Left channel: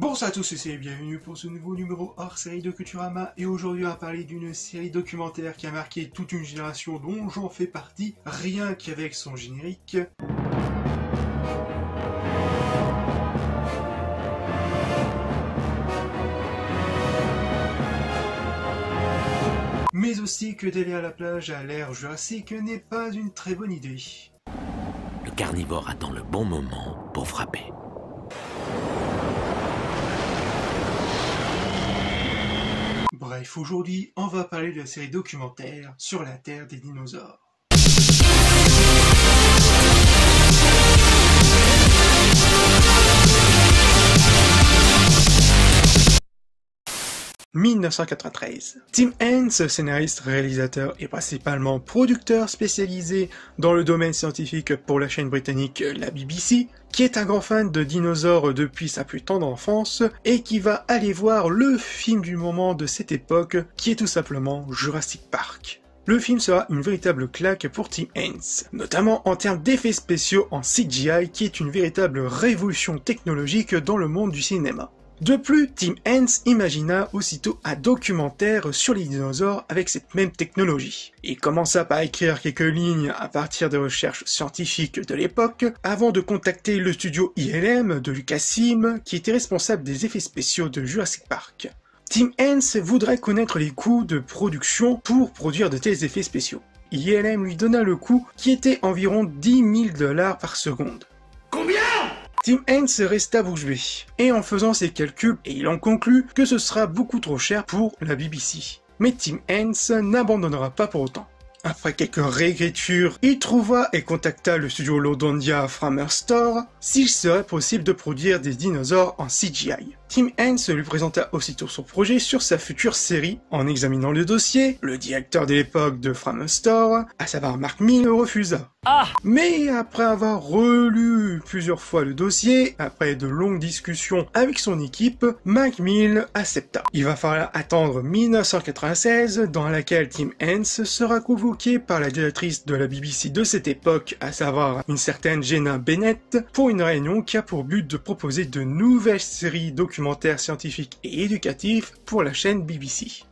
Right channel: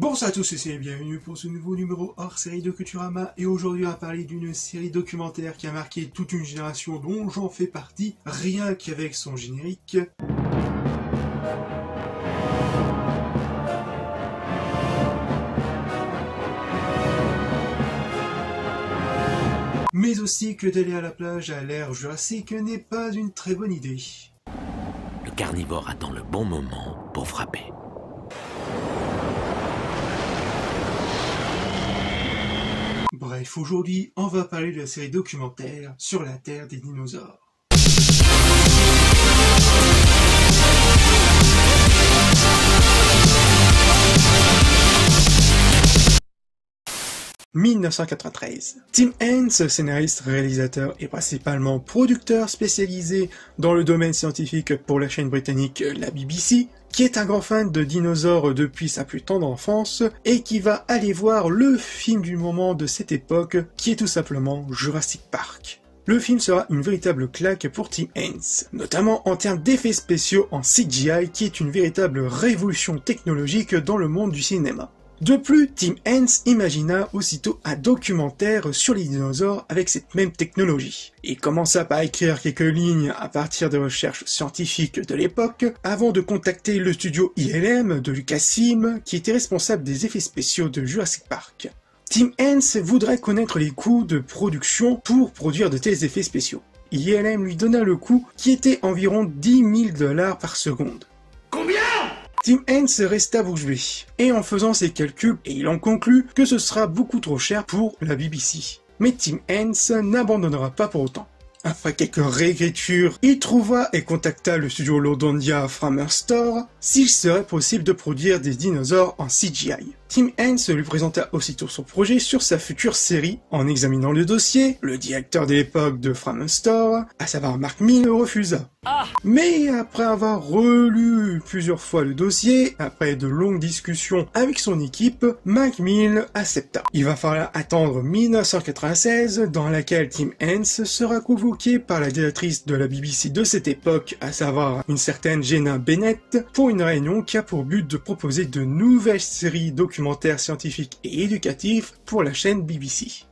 Bonsoir à tous et bienvenue pour ce nouveau numéro hors série de Culturama, et aujourd'hui on va parler d'une série documentaire qui a marqué toute une génération dont j'en fais partie, rien qu'avec son générique. Mais aussi que d'aller à la plage à l'ère jurassique n'est pas une très bonne idée. Le carnivore attend le bon moment pour frapper. Bref, aujourd'hui, on va parler de la série documentaire sur la Terre des dinosaures. « 1993. Tim Hence, scénariste, réalisateur et principalement producteur spécialisé dans le domaine scientifique pour la chaîne britannique la BBC, qui est un grand fan de dinosaures depuis sa plus tendre enfance et qui va aller voir le film du moment de cette époque, qui est tout simplement Jurassic Park. Le film sera une véritable claque pour Tim Hence, notamment en termes d'effets spéciaux en CGI, qui est une véritable révolution technologique dans le monde du cinéma. De plus, Tim Hence imagina aussitôt un documentaire sur les dinosaures avec cette même technologie. Il commença par écrire quelques lignes à partir des recherches scientifiques de l'époque, avant de contacter le studio ILM de Lucasfilm, qui était responsable des effets spéciaux de Jurassic Park. Tim Hence voudrait connaître les coûts de production pour produire de tels effets spéciaux. ILM lui donna le coût qui était environ 10 000 $ par seconde. Combien ? Tim Hence resta bouche bée, et en faisant ses calculs, il en conclut que ce sera beaucoup trop cher pour la BBC. Mais Tim Hence n'abandonnera pas pour autant. Après quelques réécritures, il trouva et contacta le studio Lodondia Framestore s'il serait possible de produire des dinosaures en CGI. Tim Hence lui présenta aussitôt son projet sur sa future série. En examinant le dossier, le directeur de l'époque de Framestore, à savoir Mark Mills, refusa. Mais après avoir relu plusieurs fois le dossier, après de longues discussions avec son équipe, Mark Mills accepta. Il va falloir attendre 1996, dans laquelle Tim Hence sera convoqué par la directrice de la BBC de cette époque, à savoir une certaine Jenna Bennett, pour une réunion qui a pour but de proposer de nouvelles séries documentaires scientifiques et éducatifs pour la chaîne BBC.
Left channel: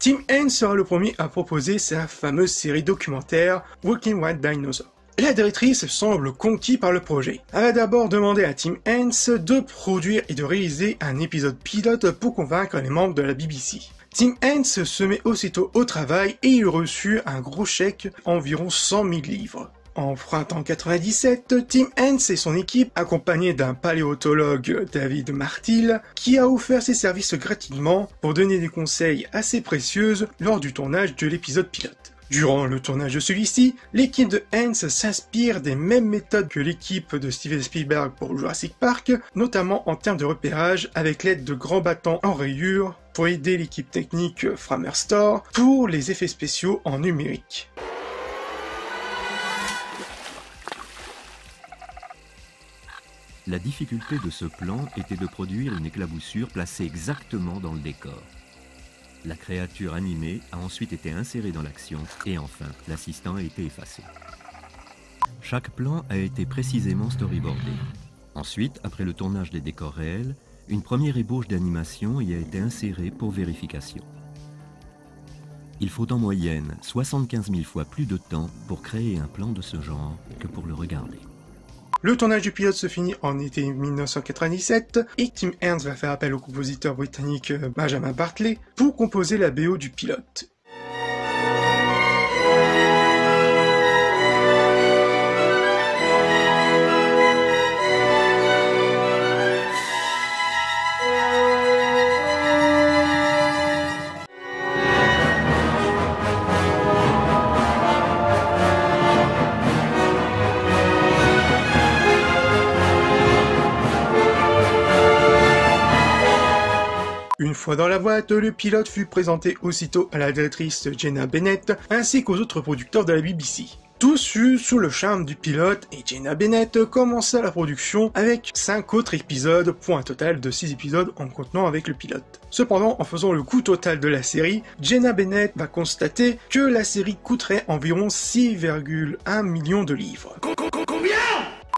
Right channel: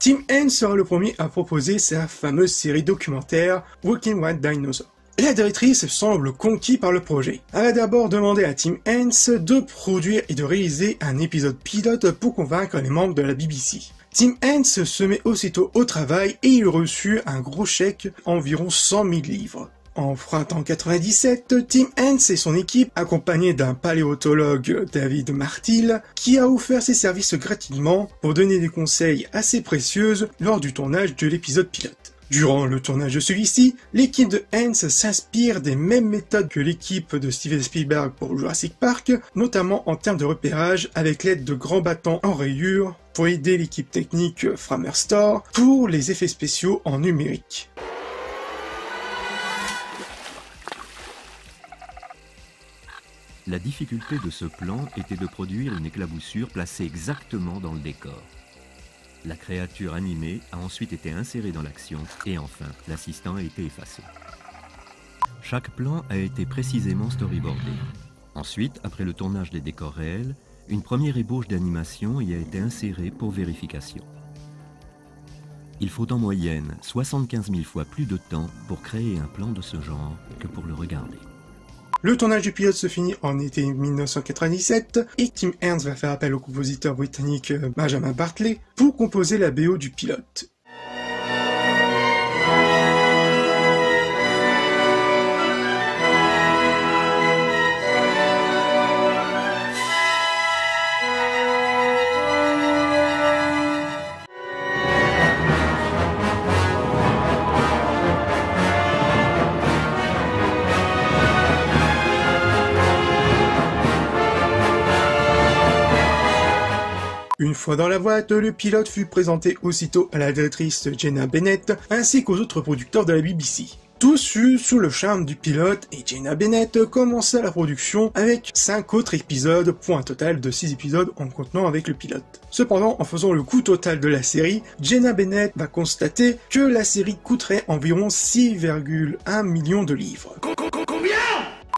Tim Hence sera le premier à proposer sa fameuse série documentaire Walking Wild Dinosaur. La directrice semble conquise par le projet. Elle a d'abord demandé à Tim Hence de produire et de réaliser un épisode pilote pour convaincre les membres de la BBC. Tim Hence se met aussitôt au travail et il reçut un gros chèque, environ 100 000 livres. En printemps 97, Tim Hence et son équipe, accompagnés d'un paléontologue, David Martil, qui a offert ses services gratuitement pour donner des conseils assez précieux lors du tournage de l'épisode pilote. Durant le tournage de celui-ci, l'équipe de Hence s'inspire des mêmes méthodes que l'équipe de Steven Spielberg pour Jurassic Park, notamment en termes de repérage avec l'aide de grands bâtons en rayures pour aider l'équipe technique Framestore pour les effets spéciaux en numérique. La difficulté de ce plan était de produire une éclaboussure placée exactement dans le décor. La créature animée a ensuite été insérée dans l'action et enfin, l'assistant a été effacé. Chaque plan a été précisément storyboardé. Ensuite, après le tournage des décors réels, une première ébauche d'animation y a été insérée pour vérification. Il faut en moyenne 75 000 fois plus de temps pour créer un plan de ce genre que pour le regarder. Le tournage du pilote se finit en été 1997 et Tim Hence va faire appel au compositeur britannique Benjamin Bartley pour composer la BO du pilote. Une fois dans la boîte, le pilote fut présenté aussitôt à la directrice Jenna Bennett ainsi qu'aux autres producteurs de la BBC. Tous furent sous le charme du pilote et Jenna Bennett commença la production avec 5 autres épisodes pour un total de 6 épisodes en contenant avec le pilote. Cependant, en faisant le coût total de la série, Jenna Bennett va constater que la série coûterait environ 6,1 millions de livres. Combien ?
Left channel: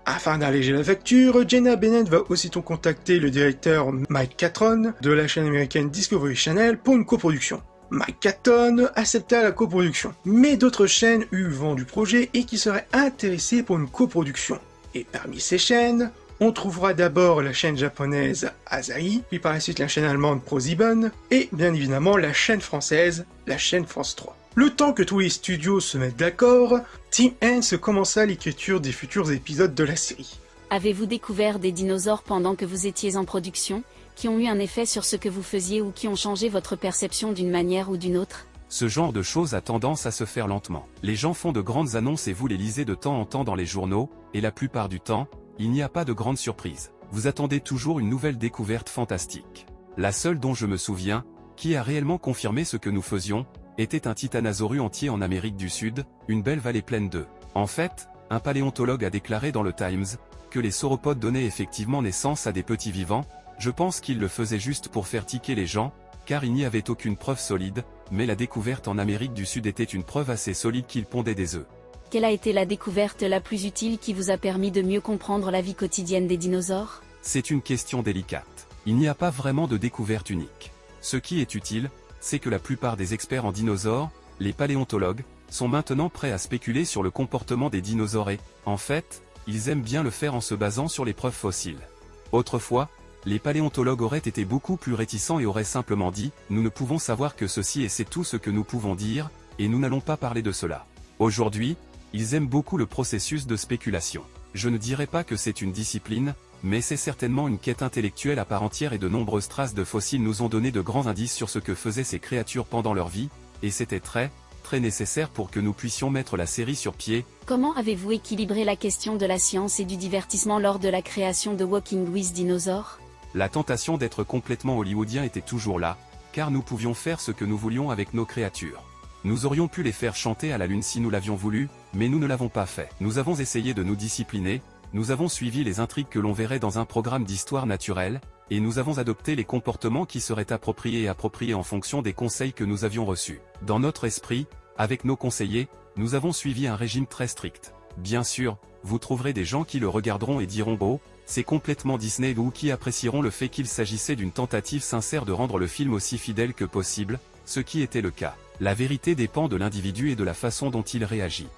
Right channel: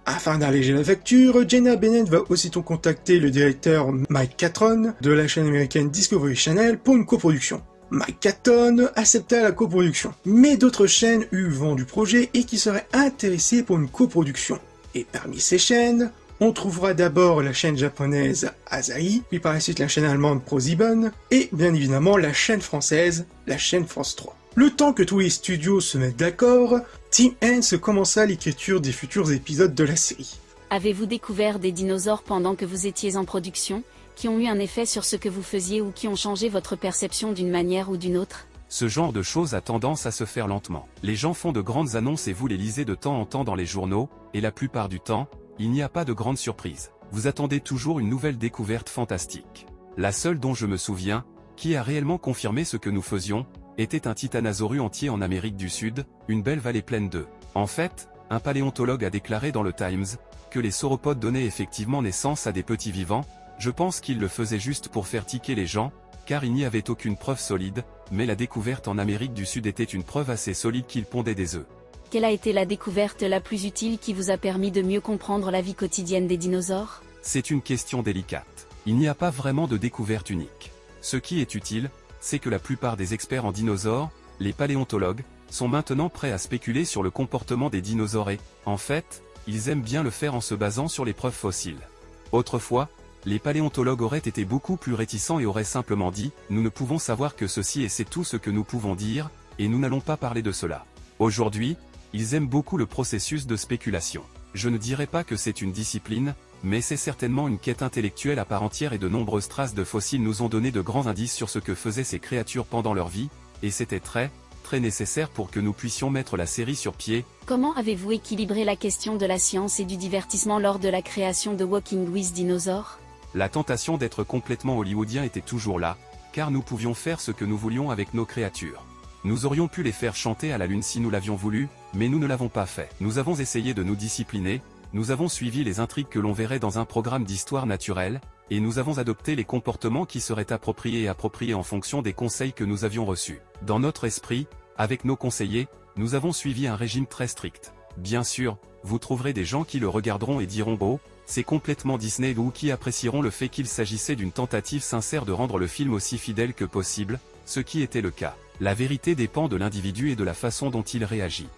Afin d'alléger la facture, Jenna Bennett va aussitôt contacter le directeur Mike Catron de la chaîne américaine Discovery Channel pour une coproduction. Mike Catton accepta la coproduction, mais d'autres chaînes eurent vent du projet et qui seraient intéressées pour une coproduction. Et parmi ces chaînes, on trouvera d'abord la chaîne japonaise Asahi, puis par la suite la chaîne allemande ProSieben, et bien évidemment la chaîne française, la chaîne France 3. Le temps que tous les studios se mettent d'accord, Tim Hence commença l'écriture des futurs épisodes de la série. Avez-vous découvert des dinosaures pendant que vous étiez en production, qui ont eu un effet sur ce que vous faisiez ou qui ont changé votre perception d'une manière ou d'une autre? Ce genre de choses a tendance à se faire lentement. Les gens font de grandes annonces et vous les lisez de temps en temps dans les journaux, et la plupart du temps, il n'y a pas de grande surprise. Vous attendez toujours une nouvelle découverte fantastique. La seule dont je me souviens, qui a réellement confirmé ce que nous faisions, était un titanosaure entier en Amérique du Sud, une belle vallée pleine d'œufs. En fait, un paléontologue a déclaré dans le Times que les sauropodes donnaient effectivement naissance à des petits vivants. Je pense qu'il le faisait juste pour faire tiquer les gens, car il n'y avait aucune preuve solide, mais la découverte en Amérique du Sud était une preuve assez solide qu'ils pondaient des œufs. Quelle a été la découverte la plus utile qui vous a permis de mieux comprendre la vie quotidienne des dinosaures? C'est une question délicate. Il n'y a pas vraiment de découverte unique. Ce qui est utile, c'est que la plupart des experts en dinosaures, les paléontologues, sont maintenant prêts à spéculer sur le comportement des dinosaures et, en fait, ils aiment bien le faire en se basant sur les preuves fossiles. Autrefois, les paléontologues auraient été beaucoup plus réticents et auraient simplement dit « Nous ne pouvons savoir que ceci et c'est tout ce que nous pouvons dire, et nous n'allons pas parler de cela ». Aujourd'hui, ils aiment beaucoup le processus de spéculation. Je ne dirais pas que c'est une discipline, mais c'est certainement une quête intellectuelle à part entière et de nombreuses traces de fossiles nous ont donné de grands indices sur ce que faisaient ces créatures pendant leur vie, et c'était très nécessaire pour que nous puissions mettre la série sur pied. Comment avez-vous équilibré la question de la science et du divertissement lors de la création de Walking with Dinosaurs? La tentation d'être complètement hollywoodien était toujours là, car nous pouvions faire ce que nous voulions avec nos créatures. Nous aurions pu les faire chanter à la lune si nous l'avions voulu, mais nous ne l'avons pas fait. Nous avons essayé de nous discipliner, nous avons suivi les intrigues que l'on verrait dans un programme d'histoire naturelle, et nous avons adopté les comportements qui seraient appropriés en fonction des conseils que nous avions reçus. Dans notre esprit, avec nos conseillers, nous avons suivi un régime très strict. Bien sûr, vous trouverez des gens qui le regarderont et diront « Beau, c'est complètement Disney » ou qui apprécieront le fait qu'il s'agissait d'une tentative sincère de rendre le film aussi fidèle que possible, ce qui était le cas. La vérité dépend de l'individu et de la façon dont il réagit.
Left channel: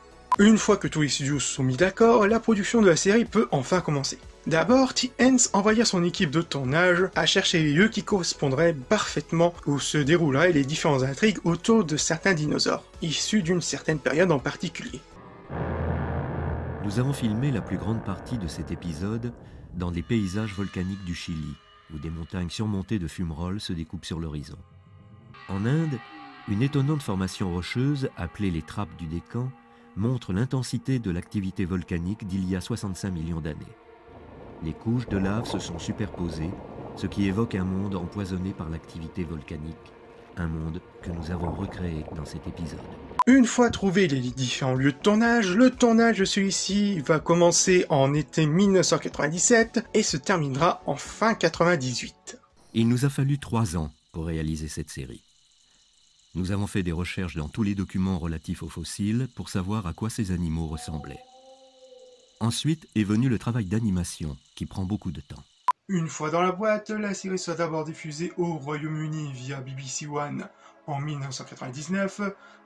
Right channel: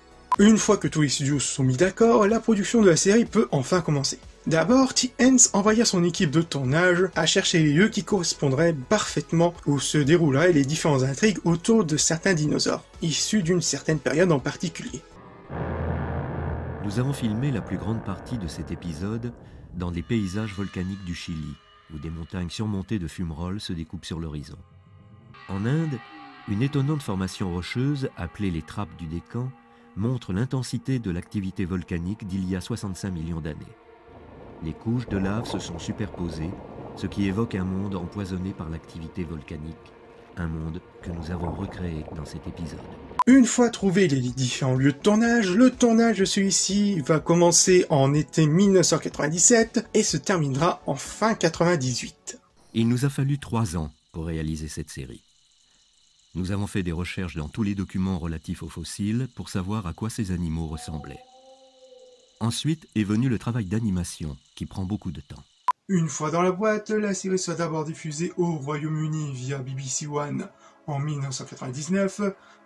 Une fois que tous les studios se sont mis d'accord, la production de la série peut enfin commencer. D'abord, Tim Hence envoya son équipe de tournage à chercher les lieux qui correspondraient parfaitement où se dérouleraient les différentes intrigues autour de certains dinosaures, issus d'une certaine période en particulier. Nous avons filmé la plus grande partie de cet épisode dans des paysages volcaniques du Chili, où des montagnes surmontées de fumerolles se découpent sur l'horizon. En Inde, une étonnante formation rocheuse, appelée les trappes du Décan, montre l'intensité de l'activité volcanique d'il y a 65 millions d'années. Les couches de lave se sont superposées, ce qui évoque un monde empoisonné par l'activité volcanique, un monde que nous avons recréé dans cet épisode. Une fois trouvés les différents lieux de tournage, le tournage de celui-ci va commencer en été 1997 et se terminera en fin 98. Il nous a fallu 3 ans pour réaliser cette série. Nous avons fait des recherches dans tous les documents relatifs aux fossiles pour savoir à quoi ces animaux ressemblaient. Ensuite est venu le travail d'animation, qui prend beaucoup de temps. Une fois dans la boîte, la série sera d'abord diffusée au Royaume-Uni via BBC One en 1999,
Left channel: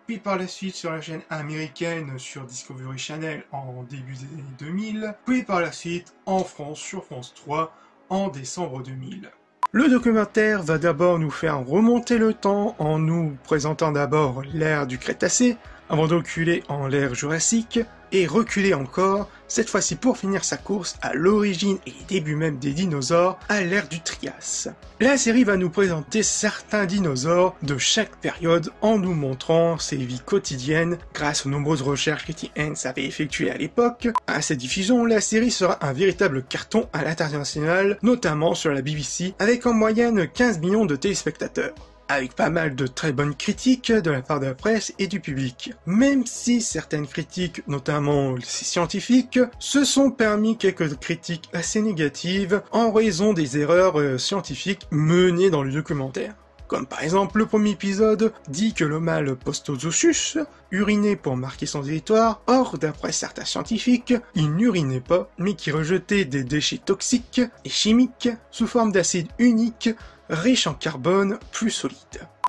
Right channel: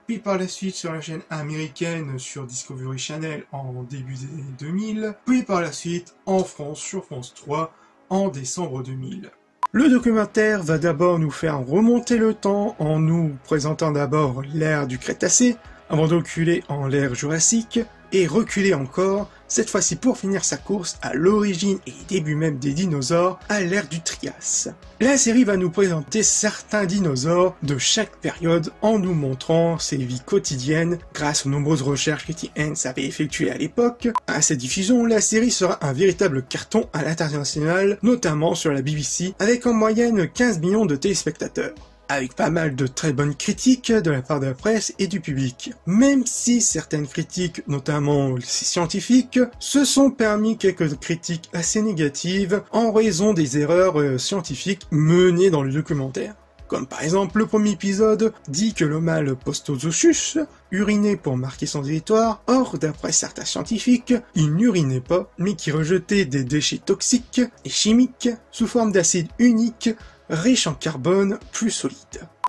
puis par la suite sur la chaîne américaine sur Discovery Channel en début des années 2000, puis par la suite en France sur France 3 en décembre 2000. Le documentaire va d'abord nous faire remonter le temps en nous présentant d'abord l'ère du Crétacé, avant de reculer en l'ère Jurassique, et reculer encore, cette fois-ci pour finir sa course à l'origine et début même des dinosaures, à l'ère du Trias. La série va nous présenter certains dinosaures de chaque période en nous montrant ses vies quotidiennes grâce aux nombreuses recherches que Tim Hence avait effectuées à l'époque. À cette diffusion, la série sera un véritable carton à l'international, notamment sur la BBC, avec en moyenne 15 millions de téléspectateurs, avec pas mal de très bonnes critiques de la part de la presse et du public. Même si certaines critiques, notamment les scientifiques, se sont permis quelques critiques assez négatives en raison des erreurs scientifiques menées dans le documentaire. Comme par exemple, le premier épisode dit que le mâle Postozosus urinait pour marquer son territoire, or d'après certains scientifiques, il n'urinait pas, mais qu'il rejetait des déchets toxiques et chimiques sous forme d'acide unique, riche en carbone, plus solide.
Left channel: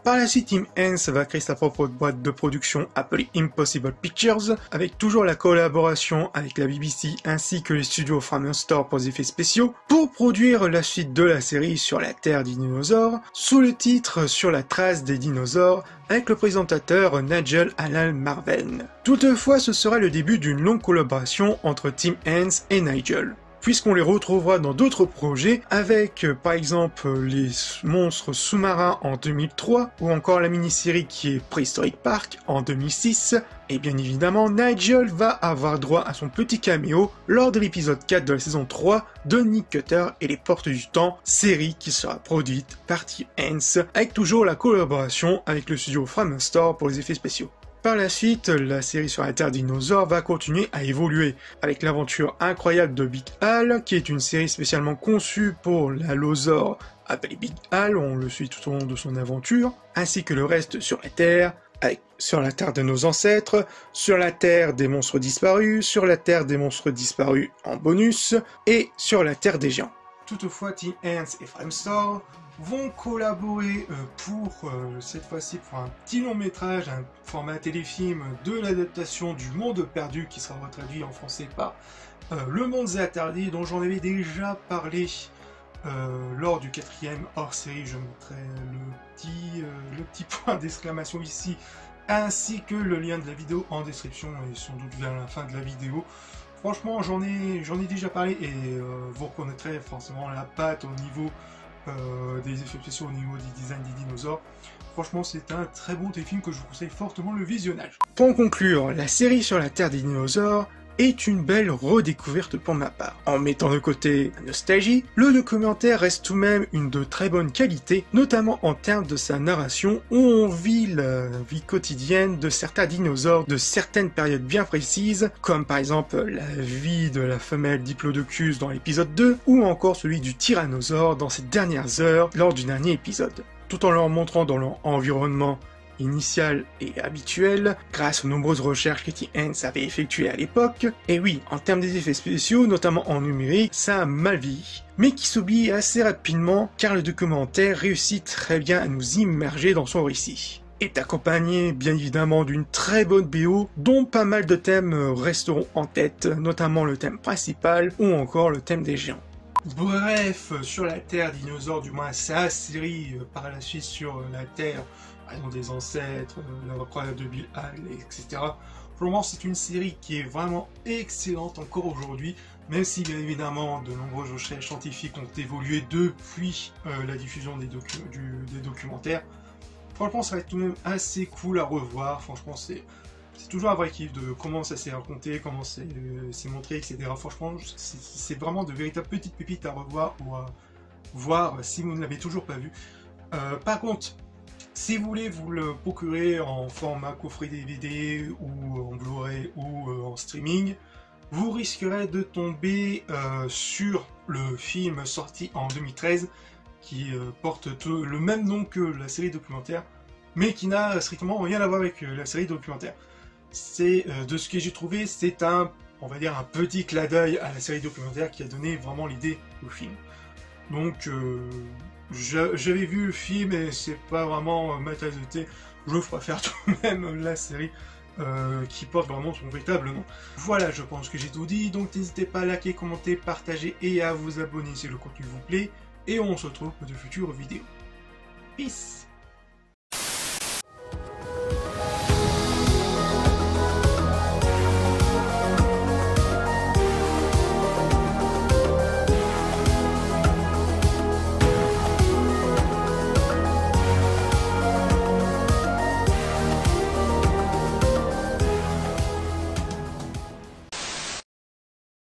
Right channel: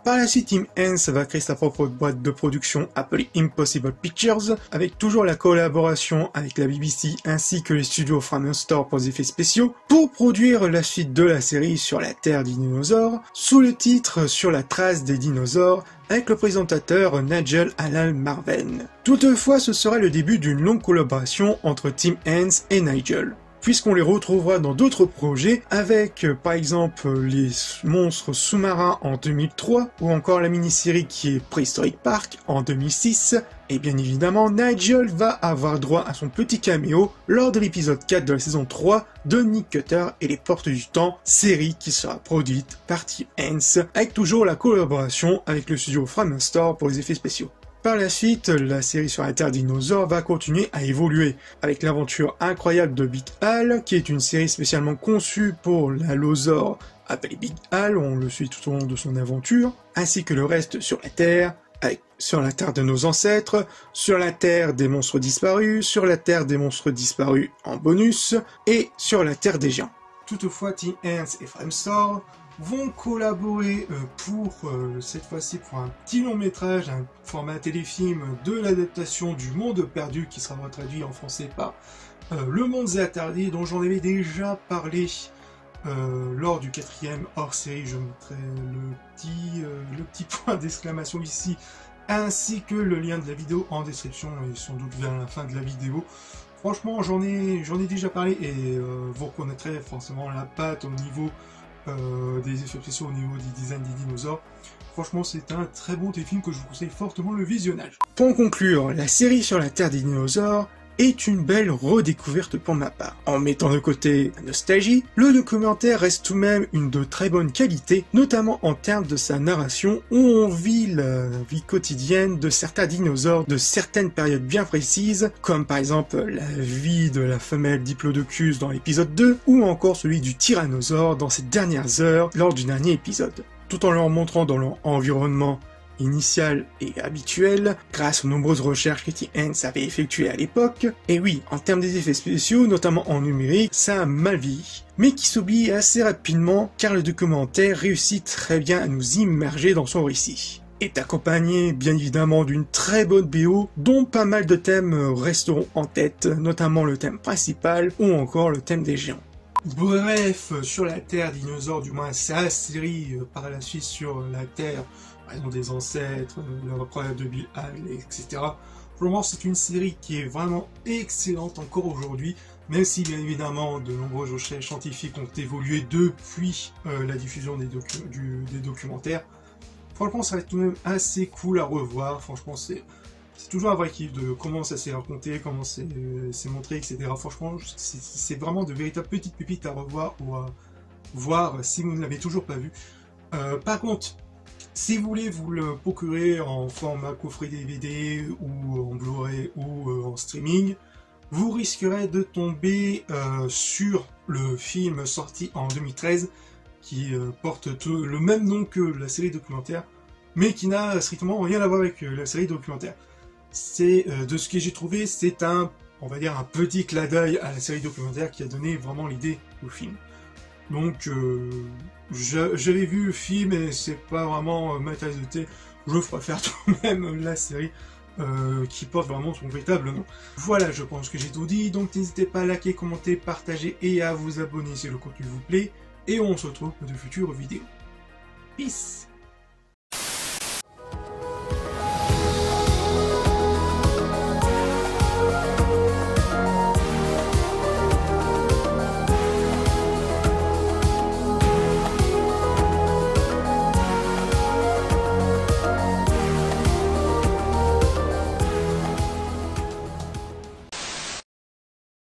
Par la suite, Tim Hence va créer sa propre boîte de production appelée Impossible Pictures, avec toujours la collaboration avec la BBC ainsi que les studios Framestore pour les effets spéciaux, pour produire la suite de la série sur la Terre des dinosaures, sous le titre Sur la trace des dinosaures, avec le présentateur Nigel Allan Marven. Toutefois, ce sera le début d'une longue collaboration entre Tim Hence et Nigel, puisqu'on les retrouvera dans d'autres projets avec par exemple les monstres sous-marins en 2003 ou encore la mini-série qui est Prehistoric Park en 2006, et bien évidemment Nigel va avoir droit à son petit caméo lors de l'épisode 4 de la saison 3 de Nick Cutter et les Portes du Temps, série qui sera produite par Tim Hence avec toujours la collaboration avec le studio Framestore pour les effets spéciaux. Par la suite, la série sur la Terre dinosaure va continuer à évoluer avec l'aventure incroyable de Big Al, qui est une série spécialement conçue pour l'allosaure appelé Big Al, on le suit tout au long de son aventure, ainsi que le reste sur la Terre, avec sur la Terre de nos ancêtres, sur la Terre des monstres disparus, sur la Terre des monstres disparus en bonus, et sur la Terre des géants. Toutefois, Tim Hence et Framestore vont collaborer pour cette fois-ci pour un petit long métrage, un format téléfilm de l'adaptation du Monde perdu qui sera traduit en français par Le Monde des Interdits, dont j'en avais déjà parlé lors du 4e hors-série. Je mettrai le petit point d'exclamation ici, ainsi que le lien de la vidéo en description et sans doute vers la fin de la vidéo. Franchement, j'en ai déjà parlé et vous reconnaîtrez forcément la patte au niveau des effets spéciaux, au niveau du design des dinosaures. Franchement, c'est un très bon téléfilm que je vous conseille fortement le visionnage. Pour conclure, la série sur la Terre des dinosaures est une belle redécouverte pour ma part. En mettant de côté la nostalgie, le documentaire reste tout de même une de très bonne qualité, notamment en termes de sa narration, où on vit la vie quotidienne de certains dinosaures de certaines périodes bien précises, comme par exemple la vie de la femelle Diplodocus dans l'épisode 2, ou encore celui du tyrannosaure dans ses dernières heures lors du dernier épisode, tout en leur montrant dans leur environnement initial et habituel, grâce aux nombreuses recherches que Tim Hence avait effectuées à l'époque. Et oui, en termes des effets spéciaux, notamment en numérique, ça a mal vieilli, mais qui s'oublie assez rapidement car le documentaire réussit très bien à nous immerger dans son récit. Est accompagné bien évidemment d'une très bonne BO, dont pas mal de thèmes resteront en tête, notamment le thème principal ou encore le thème des géants. Bref, sur la Terre dinosaure, du moins sa série par la suite sur la Terre, par exemple des ancêtres, l'incroyable de Big Al, etc. Pour le moment, c'est une série qui est vraiment excellente encore aujourd'hui, même si bien évidemment de nombreuses recherches scientifiques ont évolué depuis la diffusion des documentaires. Franchement, ça va être tout de même assez cool à revoir. Franchement, c'est toujours un vrai kiff de comment ça s'est raconté, comment c'est montré, etc. Franchement, c'est vraiment de véritables petites pépites à revoir ou à voir si vous ne l'avez toujours pas vu. Par contre, si vous voulez vous le procurer en format coffret DVD ou en Blu-ray ou en streaming, vous risquerez de tomber sur le film sorti en 2013 qui porte le même nom que la série documentaire, mais qui n'a strictement rien à voir avec la série documentaire. C'est de ce que j'ai trouvé, c'est on va dire un petit clin d'œil à la série documentaire qui a donné vraiment l'idée au film. Donc j'avais vu le film et c'est pas vraiment ma tasse de thé. Je préfère tout de même la série qui porte vraiment son véritable nom. Voilà, je pense que j'ai tout dit, donc n'hésitez pas à liker, commenter, partager et à vous abonner si le contenu vous plaît. Et on se retrouve pour de futures vidéos. Peace!